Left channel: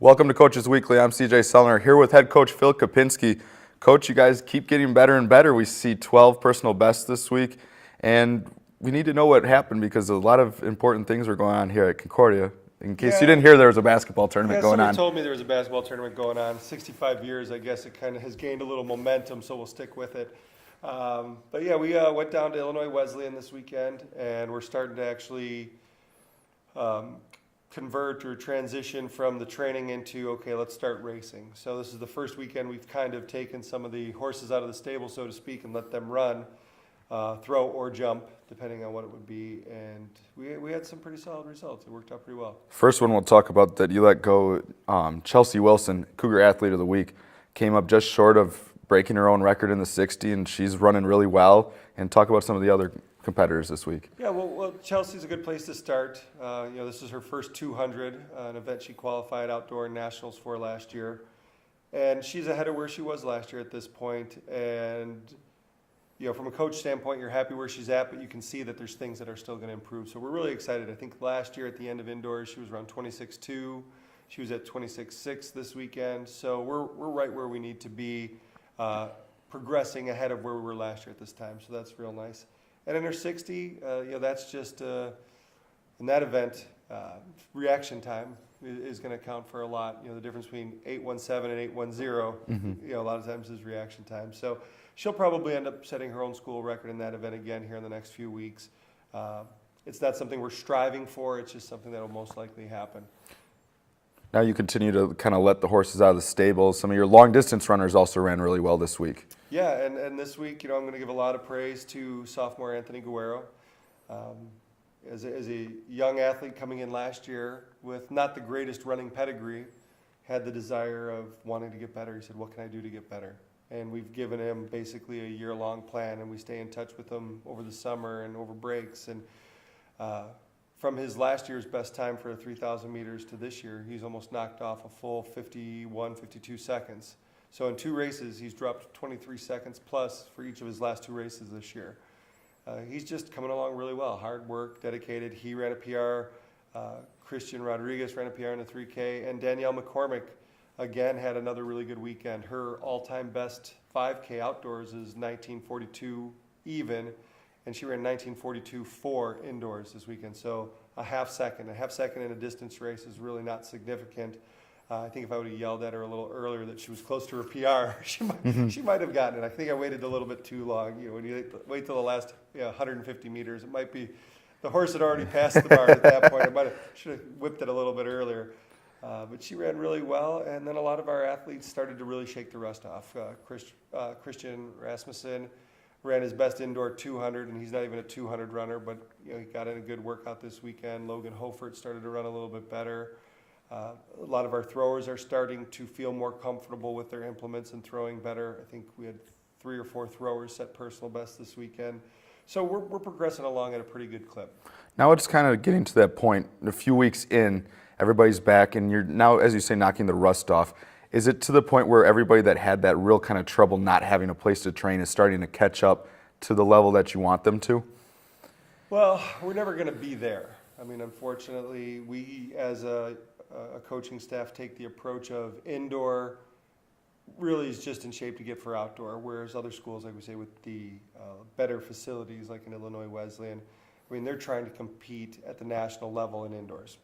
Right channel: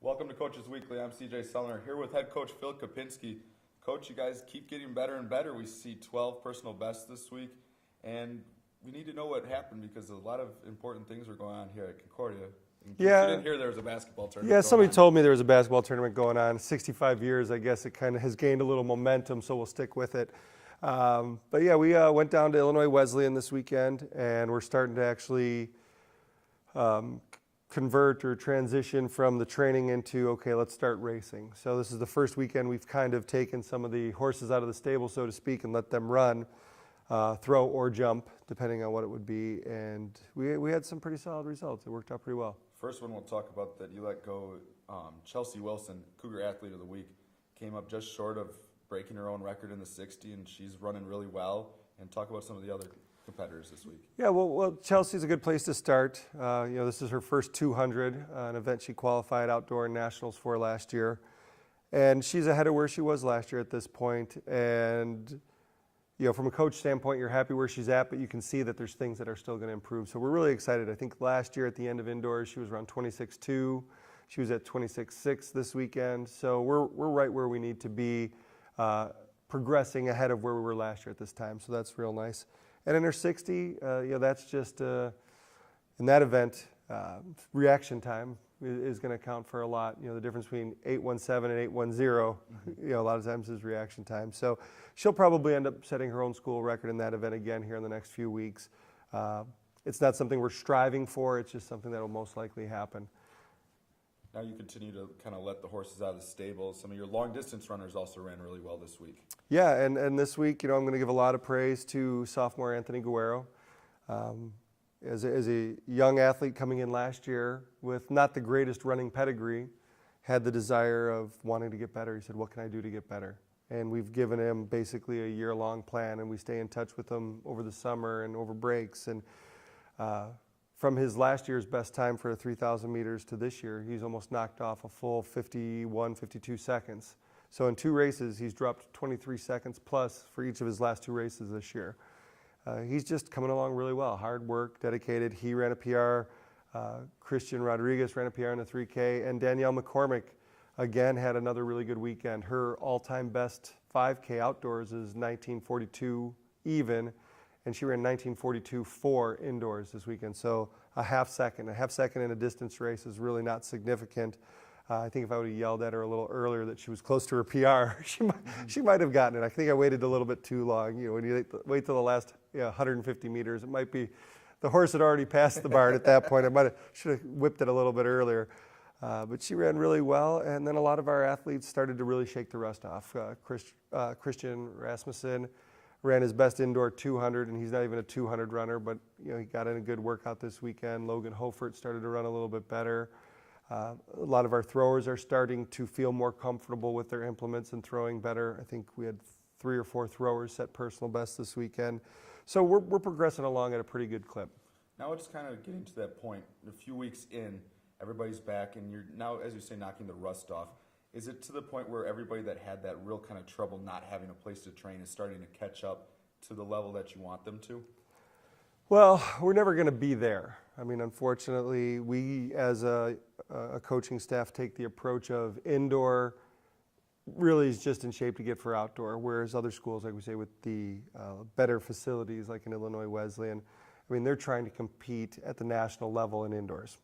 Welcome to Coach's Weekly. I'm CJ Sellner here with head coach Phil Kopinski. Coach, you guys keep getting better and better. We see 12 personal bests this week, and we need to know what happened because a lot of important things are going on here at Concordia. In case you didn't hear, there was a basketball tournament going on. Somebody told me there was a basketball tournament going on. 65 years, I guess it kind of has gained a little momentum, so we'll stick with it. But yeah, we went down to Illinois Wesleyan this weekend, and we're starting to actually convert or transition from the training into, okay, let's start racing. So this is the first weekend we've kind of taken some of the horses out of the stable, so to speak, and let them run, throw or jump, depending on what it would be. And we had some pretty solid results. It worked out pretty well. First one we'll talk about that you let go, Chelsea Wilson, Cougar Athlete of the Week, came up just short of breaking her own record in the 60, and she's running really well. And talk about some of the other competitors this week. Yeah, well, Chelsea's a good place to start. This is her first 200, an event she qualified outdoor nationals for last year. And she's ahead of where she was last year at this point. And, from a coach standpoint, you're happy where she's at, but you can see that there's things that are still going to improve. So we're really excited. I think last year at the end of indoors, she was around 26.2. She was at 26.6 this weekend. So we're right where we need to be, progressing ahead of where we were last year at this time. So that's real nice. And in her 60, that's just, in that event, reaction time is going to count for a lot. The difference between 8:17 and 8:10, a lot of times is reaction time. So she'll probably end up setting her own school record in that event again here in the next few weeks. It's not something we're striving for. It's just something that will most likely happen. Now you continue to kind of let the horses out of the stable. Some of your long-distance runners also ran really well this week. Yeah, and this week, I'm going to give a lot of praise to sophomore Anthony Guerrero. As a young athlete coming in last year with not the greatest running pedigree, had the desire of wanting to get better. He said, what can I do to get better? And we've given him basically a year-long plan, and we stay in touch with him over the summer and over breaks. And from his last year's best time for 3,000 meters to this year, he's almost knocked off a full 51, 52 seconds. So in 2 races, he's dropped 23 seconds plus for each of his last 2 races this year. He's just coming along really well. Hard work, dedicated. He ran a PR. Christian Rodriguez ran a PR in the 3K. And Danielle McCormick, again, had another really good weekend. Her all-time best 5K outdoors is 19:42 even. And she ran 19:42.4 indoors this weekend. So a half second in a distance race is really not significant. I think if I would have yelled at her a little earlier that she was close to her PR, she might have gotten it. I think I waited a little bit too long. When you wait till the last 150 meters, it might be the horse had already passed the bar at that point. Should have whipped it a little bit earlier. But she ran really well, and then a lot of our athletes started to really shake the rust off. Christian Rasmussen ran his best indoor 200, and he's not even a 200 runner, but he got in a good workout this weekend. Logan Hofert started to run a little bit better. A lot of our throwers are starting to feel more comfortable with their implements and throwing better. I think we had 3 or 4 throwers set personal best this weekend. So we're progressing along at a pretty good clip. Now it's kind of getting to that point. A few weeks in, everybody's back, and you're now, as you say, knocking the rust off. Is it to the point where everybody that had that real kind of trouble not having a place to train is starting to catch up to the level that you want them to? Well, we're never going to be there. I mean, unfortunately, we as a coaching staff take the approach of indoor really is just in shape to get for outdoor, whereas other schools, like we say, with the better facilities like in Illinois Wesleyan, I mean, they're trying to compete at the national level in indoors.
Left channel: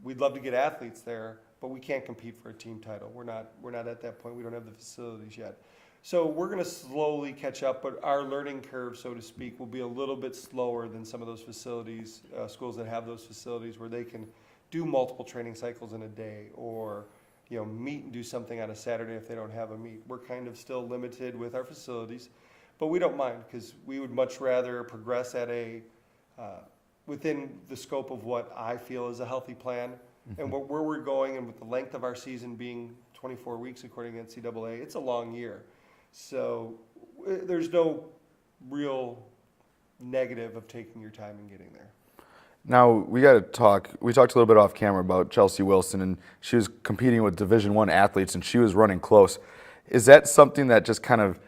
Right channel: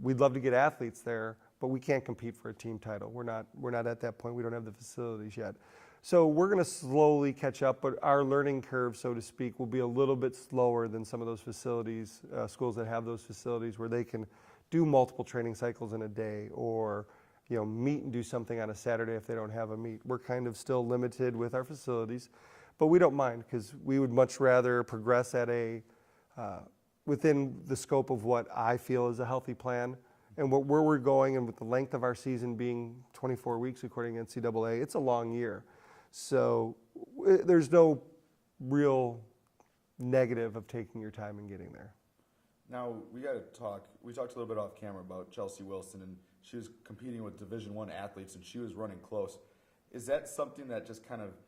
We'd love to get athletes there, but we can't compete for a team title. We're not at that point. We don't have the facilities yet. So we're going to slowly catch up, but our learning curve, so to speak, will be a little bit slower than some of those facilities, schools that have those facilities where they can do multiple training cycles in a day or meet and do something on a Saturday if they don't have a meet. We're kind of still limited with our facilities, but we don't mind because we would much rather progress at within the scope of what I feel is a healthy plan. And where we're going, and with the length of our season being 24 weeks according to NCAA, it's a long year. So there's no real negative of taking your time and getting there. Now, we got to talk. We talked a little bit off camera about Chelsea Wilson, and she was competing with Division I athletes, and she was running close. Is that something that just kind of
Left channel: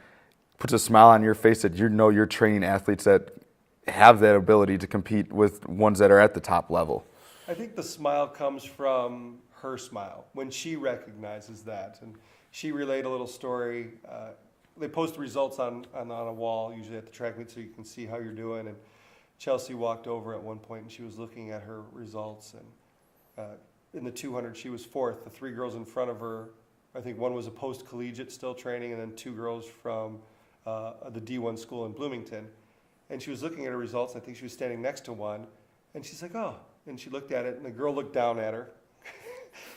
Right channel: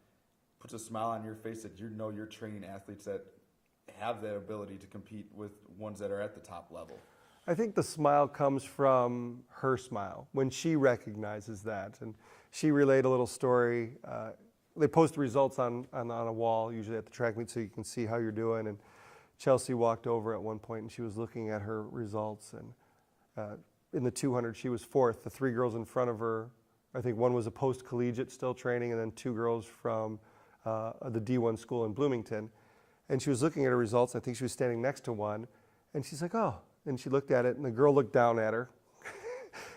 puts a smile on your face that you're training athletes that have that ability to compete with ones that are at the top level? I think the smile comes from her smile when she recognizes that. And she relayed a little story. They post the results on a wall, usually at the track meet, so you can see how you're doing. And Chelsea walked over at one point and she was looking at her results. And in the 200, she was fourth. The three girls in front of her, I think one was a post-collegiate still training, and then two girls from the D1 school in Bloomington. And she was looking at her results. I think she was standing next to one. And she's like, oh. And she looked at it, and the girl looked down at her.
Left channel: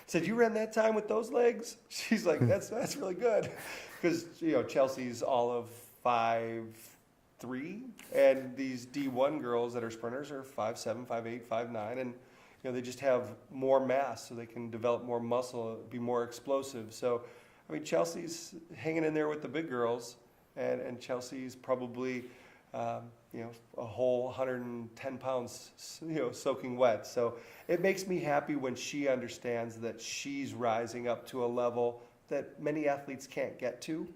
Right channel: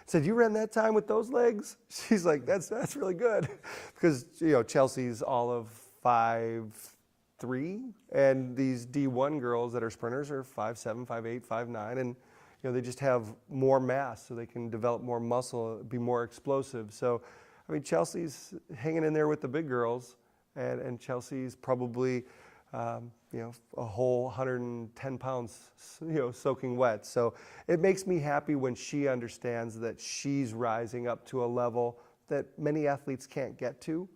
Said, you ran that time with those legs? She's like, that's really good. Because, Chelsea's all of 5'3", and these D1 girls that are sprinters are 5'7", 5'8", 5'9", and they just have more mass, so they can develop more muscle, be more explosive. So, Chelsea's hanging in there with the big girls, and Chelsea's probably, a whole 110 pounds, soaking wet. So it makes me happy when she understands that she's rising up to a level that many athletes can't get to,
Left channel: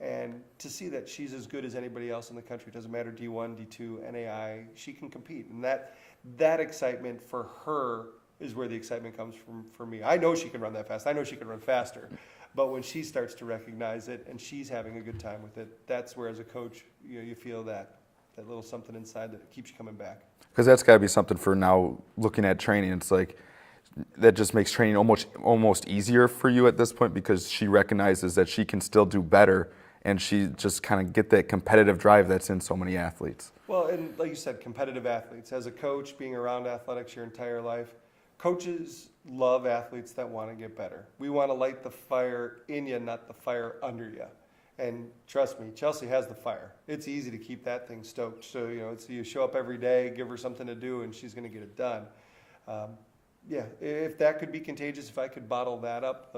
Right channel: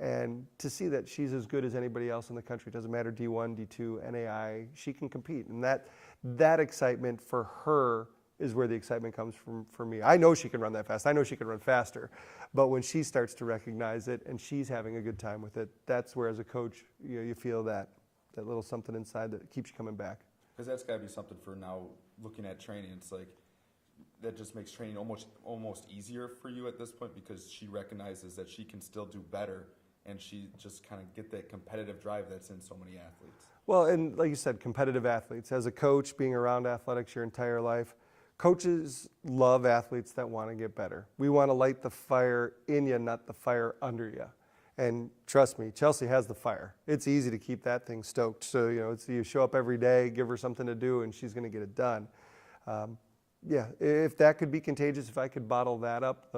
and to see that she's as good as anybody else in the country. It doesn't matter D1, D2, NAI, she can compete. And that excitement for her is where the excitement comes from for me. I know she can run that fast. I know she can run faster. But when she starts to recognize it and she's having a good time with it, that's where as a coach, you feel that little something inside that keeps you coming back. Because that's got to be something for now looking at training. It's like that just makes training almost easier for you at this point, because she recognizes that she can still do better, and she just kind of get that competitive drive that's in so many athletes. Well, and like you said, competitive athletes. As a coach, being around athletics your entire life, coaches love athletes that want to get better. We want to light the fire in you, not the fire under you. And trust me, Chelsea has the fire. It's easy to keep that thing stoked. So, you show up every day, give her something to do, and she's going to get it done. If that could be contagious, if I could bottle that up,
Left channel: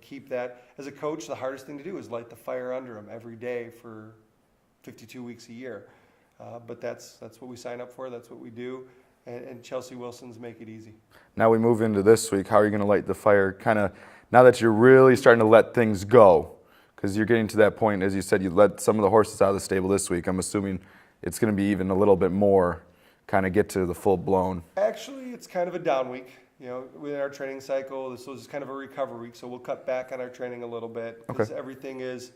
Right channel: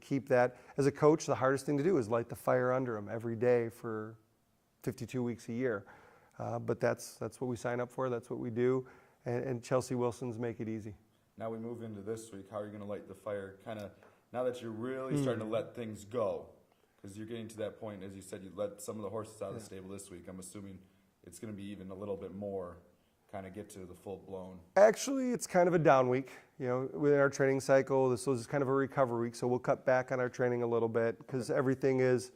keep that. As a coach, the hardest thing to do is light the fire under them every day for 52 weeks a year. But that's what we sign up for. That's what we do. And Chelsea Wilson's make it easy. Now we move into this week. How are you going to light the fire kind of now that you're really starting to let things go? Because you're getting to that point, as you said, you let some of the horses out of the stable this week. I'm assuming it's going to be even a little bit more, kind of get to the full blown. Actually, it's kind of a down week. Within our training cycle, this was kind of a recovery week, so we'll cut back on our training a little bit because everything is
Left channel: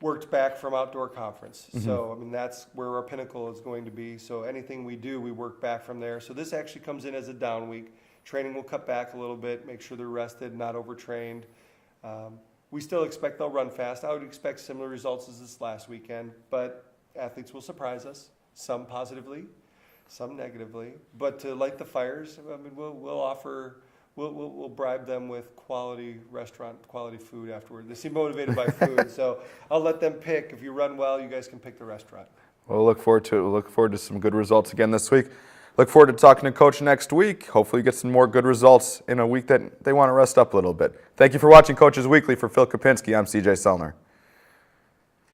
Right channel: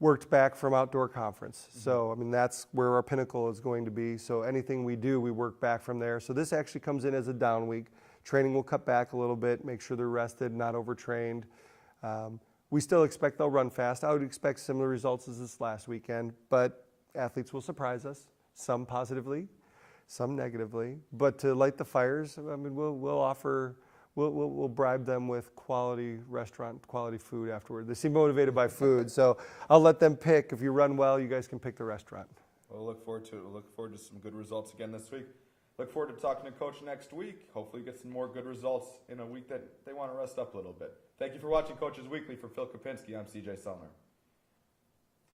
worked back from outdoor conference. Mm-hmm. So, that's where our pinnacle is going to be. So anything we do, we work back from there. So this actually comes in as a down week. Training will cut back a little bit, make sure they're rested, not overtrained. We still expect they'll run fast. I would expect similar results as this last weekend, but athletes will surprise us, some positively, some negatively. But to light the fires, we'll bribe them with quality restaurant, quality food afterward. They seem motivated by food, so I'll let them pick. If you run well, you guys can pick the restaurant. We'll look forward to it. We'll look forward to some good results again this week. Look forward to talking to Coach next week. Hopefully get some more good results in a week that they want to rest up a little bit. Thank you for watching Coach's Weekly. For Phil Kopinski, I'm CJ Sellner.